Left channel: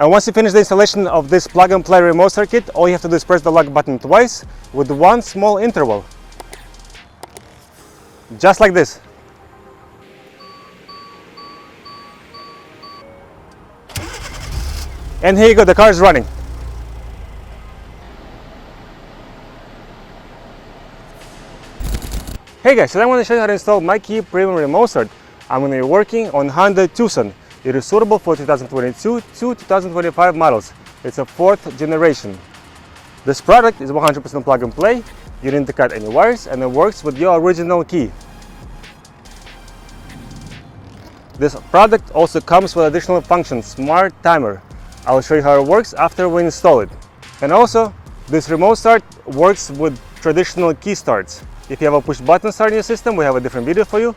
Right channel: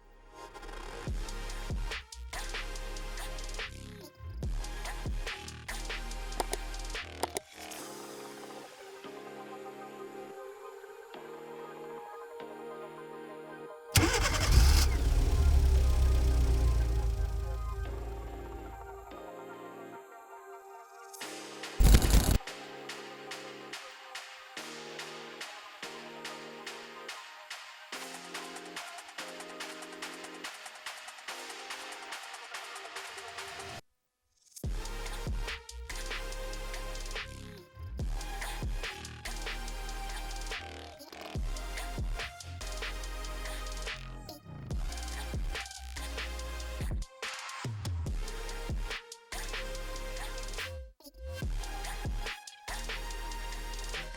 And once you finish the installation of this plug-and-play remote circuit, all you have to do is press the lock button twice with one small interval. Just like this. And here you go, the car is running. Hey guys, today I want to show you how to install MyKey Premium Remote Start. I'm going to be working on Hyundai Tucson. It is suitable for 2022 to 2025 models. It's a 4th generation. This product is 100% plug and play. You didn't cut any wires and it works with your original key. This product also comes with additional function, Smart Timer. I'll show you how it works after we install it. And also, this remote start works with traditional key starts. If you have a push button start in your system, we have a different video for you.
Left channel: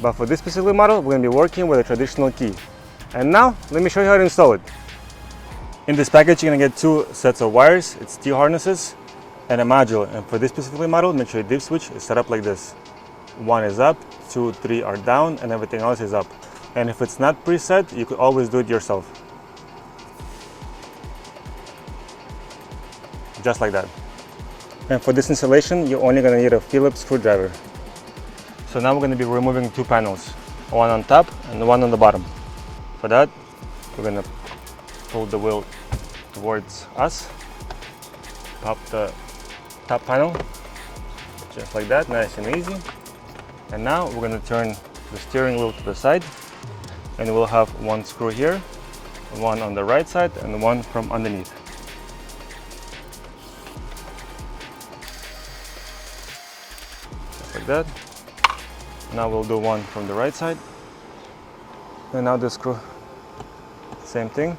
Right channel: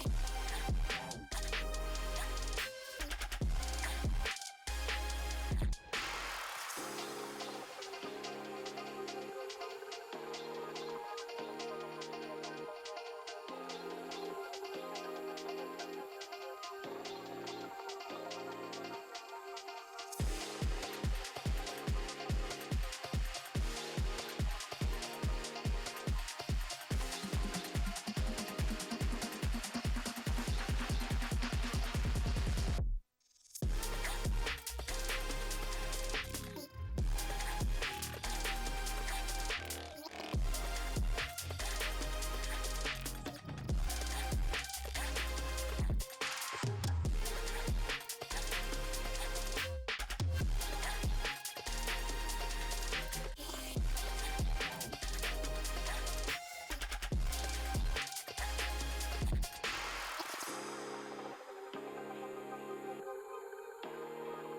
But for this specific model, we're going to be working with a traditional key. And now, let me show you how to install it. In this package, you're going to get 2 sets of wires. It's T harnesses and a module. And for this specific model, make sure your dip switch is set up like this. 1 is up, 2, 3 are down, and everything else is up. And if it's not preset, you could always do it yourself. Just like that. And for this installation, you're only going to need a Phillips screwdriver. So now we're going to be removing 2 panels, one on top and one on the bottom. For that, we're going to pull the wheel towards us, pop the top panel, just like that, nice and easy. And now we're going to turn the steering wheel to the side, and we'll have 1 screw here, 1 on the right side, and 1 from underneath. Like that. Now we'll do 1 from the right side, and now the screw, same thing,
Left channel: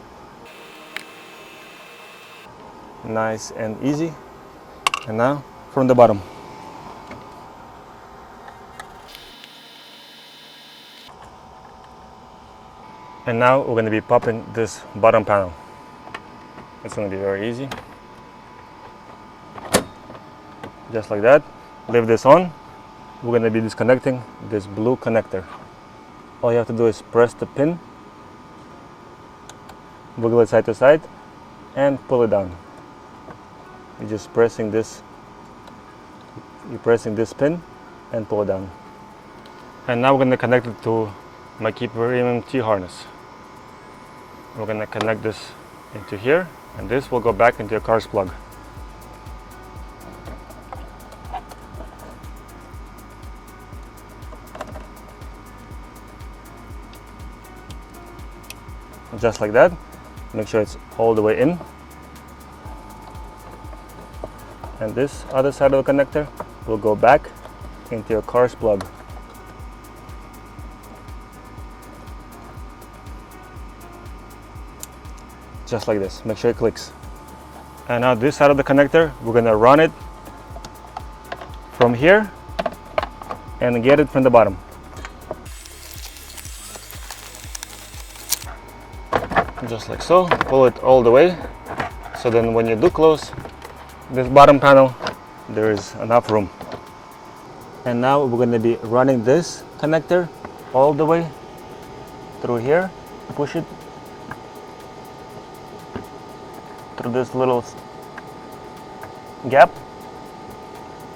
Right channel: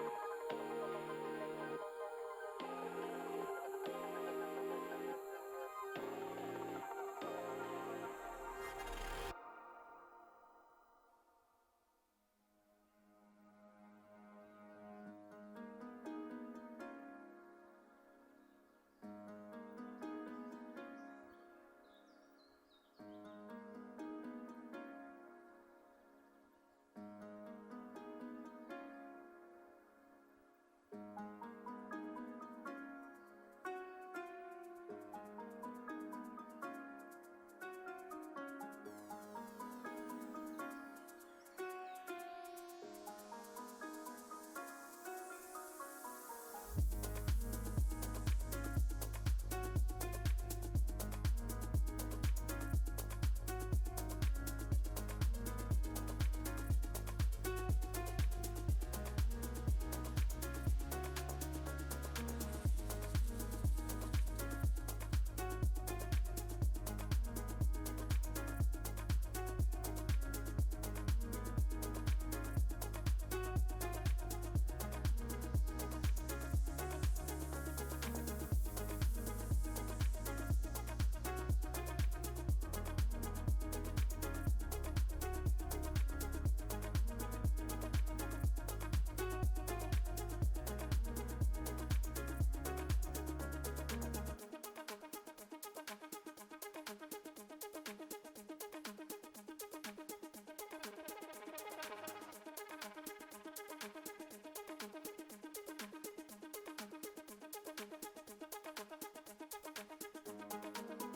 nice and easy. And now from the bottom. And now we're going to be popping this bottom panel. It's going to be very easy, just like that. Leave this on. We're going to be disconnecting this blue connector. All you have to do is press the pin, wiggle it side to side, and pull it down. You're just pressing this. You're pressing this pin and pull it down. And now we're going to connect it to MyKey Premium T harness. We're going to connect this into here, and this will go back into your car's plug. Just like that. Make sure it's all the way in. And this other side of the connector will go back into your car's plug. Just like this. Make sure it clicks. And now this side of the connector, we're going to run it from here and get it from the bottom. Just like so. Pull it all the way, so then when you do close this bottom panel, there is enough room. And now we're going to be running this connector all the way through here. Push it through this little gap,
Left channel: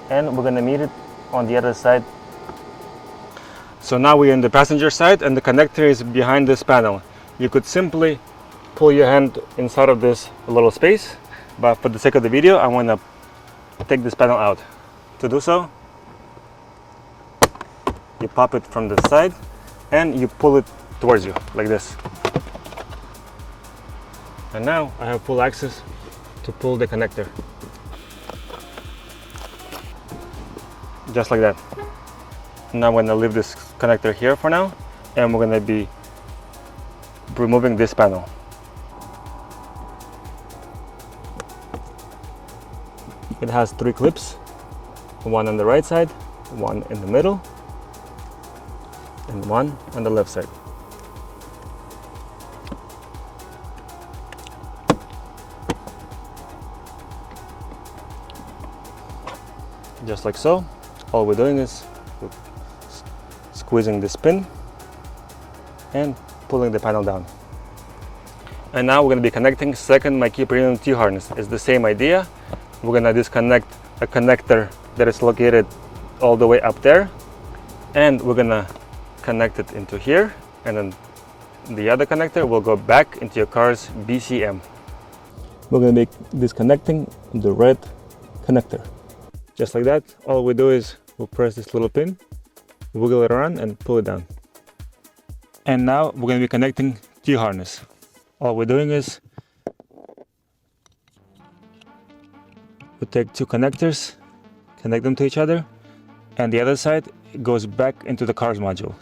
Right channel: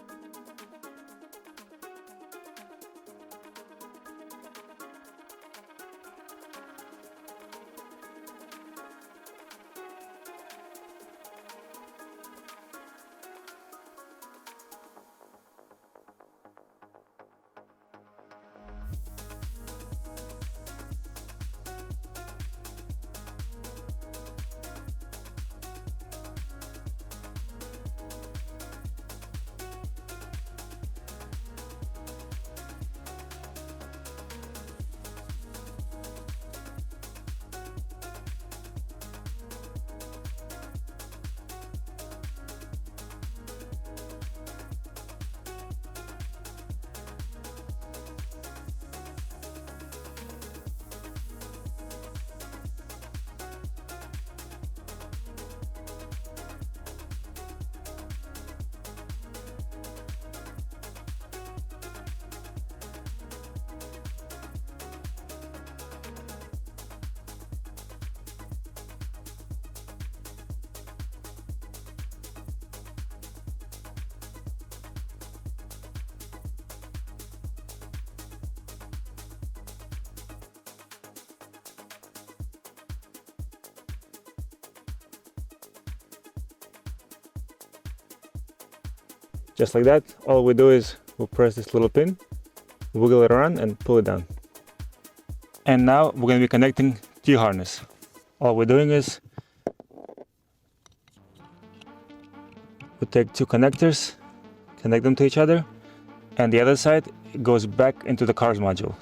and we're going to meet it on the other side. So now we're in the passenger side and the connector is behind this panel. You could simply pull your hand inside of this little space, but for the sake of the video, I want to take this panel out. To do so, you pop it from the side and you pull it towards you like this. And now I have full access to pull the connector. Just like that. Now I'm going to leave this connector here for now, and we're going to be removing this panel. It has 3 clips, 1 on the right side, 1 in the middle, and 1 on the left side. Just like so. All we're doing is squeezing this pin and pulling the panel down. And now we're going to be connecting second MyKey Premium T-harness. It's the same idea. We're going to disconnect a connector that is located all the way up there, and we're going to connect it into here, and then the other connector will go back into your car's BCM. We're going to be disconnecting the red connector. Just like that. All we do is we'll press this little pin, wiggle it around and pull it down. And now we're going to be connecting T-harness. All we're doing is we take two connectors, connect them to each other, and the other side goes back into the car's module.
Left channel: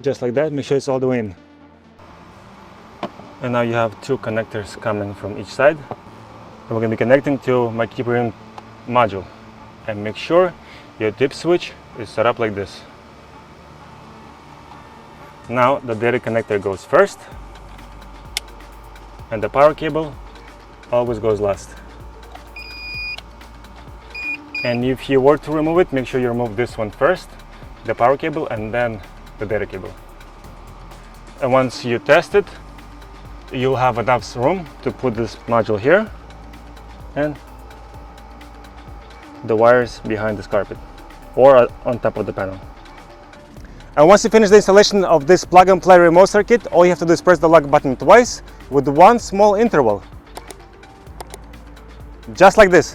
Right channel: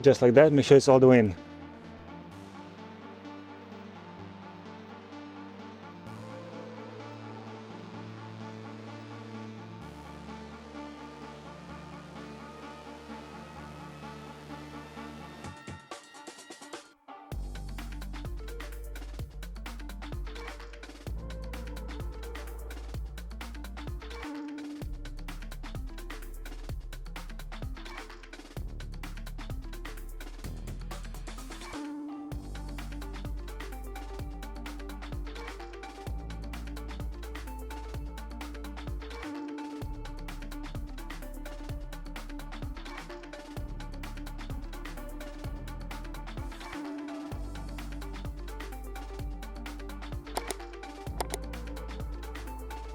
Just like that, make sure it's all the way in. And now you have two connectors coming from each side. And we're going to be connecting to MyKey Premium module. And make sure your dip switch is set up like this. Now the data connector goes first, and the power cable always goes last. And if you were to remove it, make sure you remove this one first, the power cable, and then the data cable. And once you test it, you'll have enough room to put this module here and the wires behind this carpet or on top of the panel. And once you finish the installation of this plug-and-play remote circuit, all you have to do is press the lock button twice with one small interval. Just like this.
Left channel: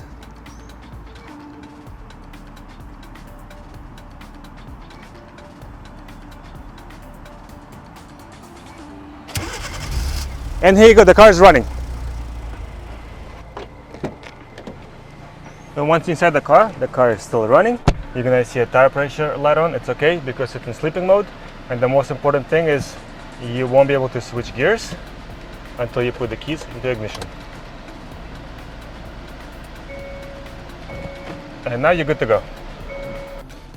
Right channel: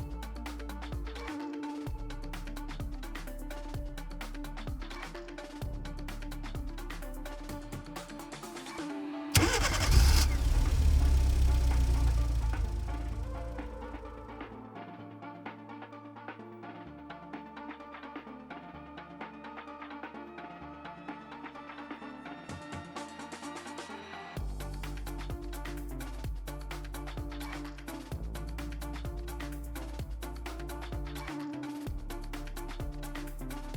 And here you go, the car is running. And once inside the car is still running. You're gonna see a tire pressure light on. It's okay because it's in sleeping mode. And the most important thing is you won't be able to switch gears until you put the keys into ignition. And now you're good to go.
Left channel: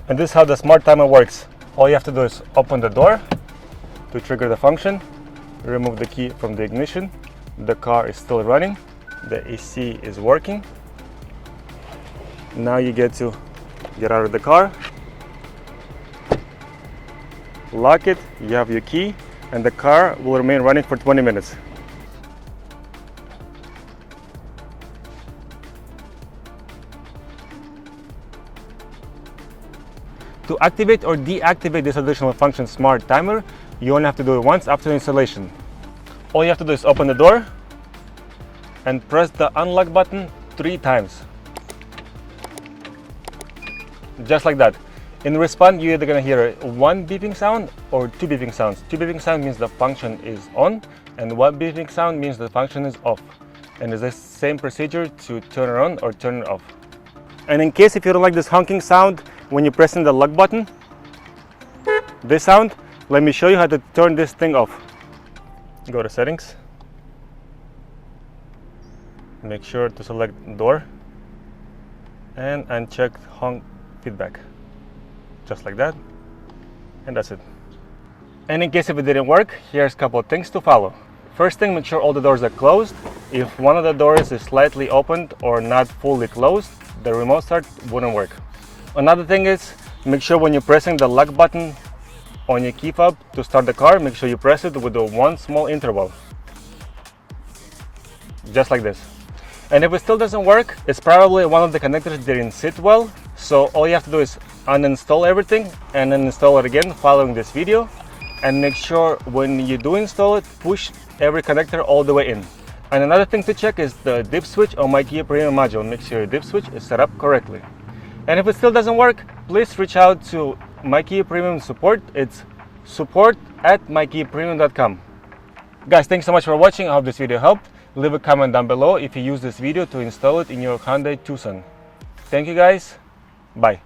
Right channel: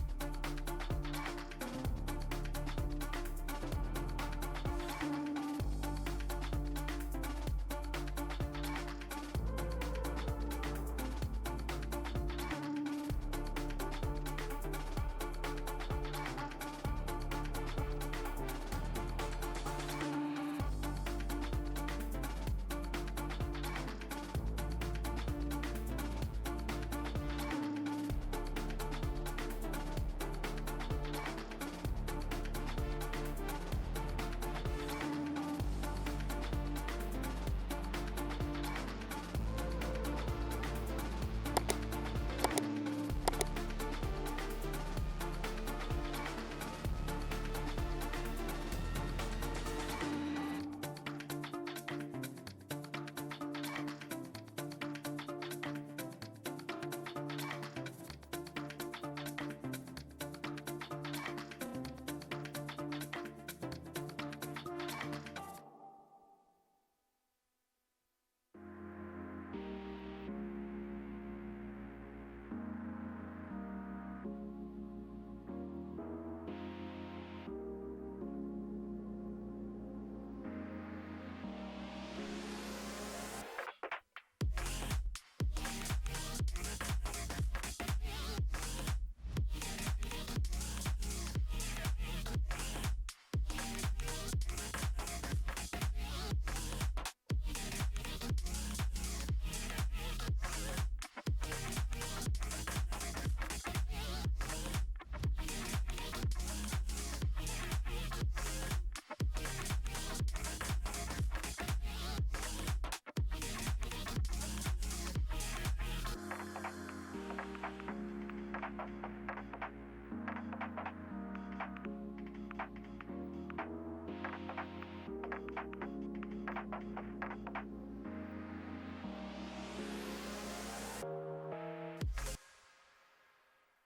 And this is how the smart timer works. All you have to do is open the door to trigger the function, remove the key from the ignition. The car is still running. The AC is working. Now you get to get out of the car, lock it, you have your key, and the car will remain running for 20 minutes. To activate or deactivate this additional function smart timer, you only have to do it once after installation. All you have to do is open the door and press the unlock button 3 times. Just like that. In response, you're either going to hear one beeping sound or two beeping sounds. Two beeping sound means the function is on, and one beeping sound means the function is off. And it's the same procedure to turn it on or turn it off. And in case if you don't like this honking sound when you're pressing the lock button, this sound, let me show you how to turn this thing off. Go to settings. Make sure to select door and uncheck honk feedback. Just like that. And that's it. And in case if it didn't work, here's a couple of things to follow. First thing, make sure all the doors are closed. If one of the doors is slightly opened or not fully closed, the remote start wouldn't work. Another thing is, make sure when you're pressing the lock button on your key fob to start the car, make sure you press it with the one small interval. Just like this. And if it still doesn't work, it's probably one of the connectors didn't sit well. So all you have to do is uninstall everything and then install it again following this video. And make sure when you do install it, push every connector all the way in. And another thing to check is the dip switch on MyKey Premium module. Make sure your dip switch is set up correctly. And if it still doesn't work, please reach out to MyKey Premium support. It's support@mykeypremium.com. Guys, thanks so much for watching. I hope this video helped. Leave a comment down below if you use this video to install it in your Hyundai Tucson. Thank you guys. Bye.